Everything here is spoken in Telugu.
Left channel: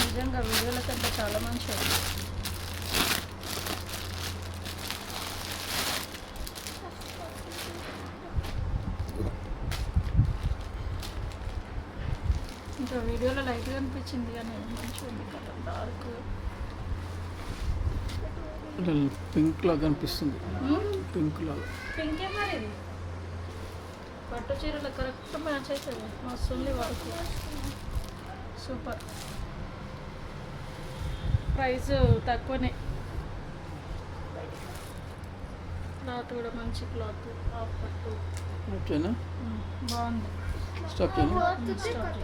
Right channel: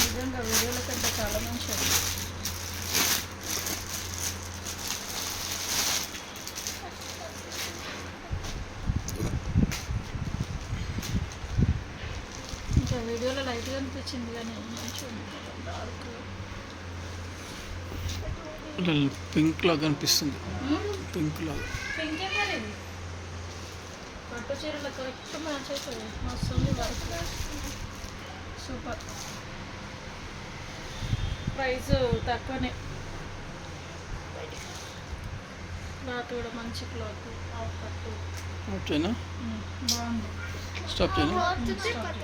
నిజంగా వీడియోల కంటే చాలా మంచిది. ఇంకా వీడియోలో లైట్గా అనిపించింది కానీ మంచిగా డార్క్ పింక్ లాగా అనిపిస్తుంది. పింక్ లాగా పింక్ మరి పట్టు చీరలో కరెక్ట్ మ్యాచ్ అవుతుంది. మస్తుంది వర్క్ సూపర్. ప్రైస్ తక్కువనే. క్లాత్ కూడా మంచి క్లాత్. హాఫ్ పట్టు ఓకేనా? బాగుంది. స్టాప్ చేయను. స్టాప్ చేయి.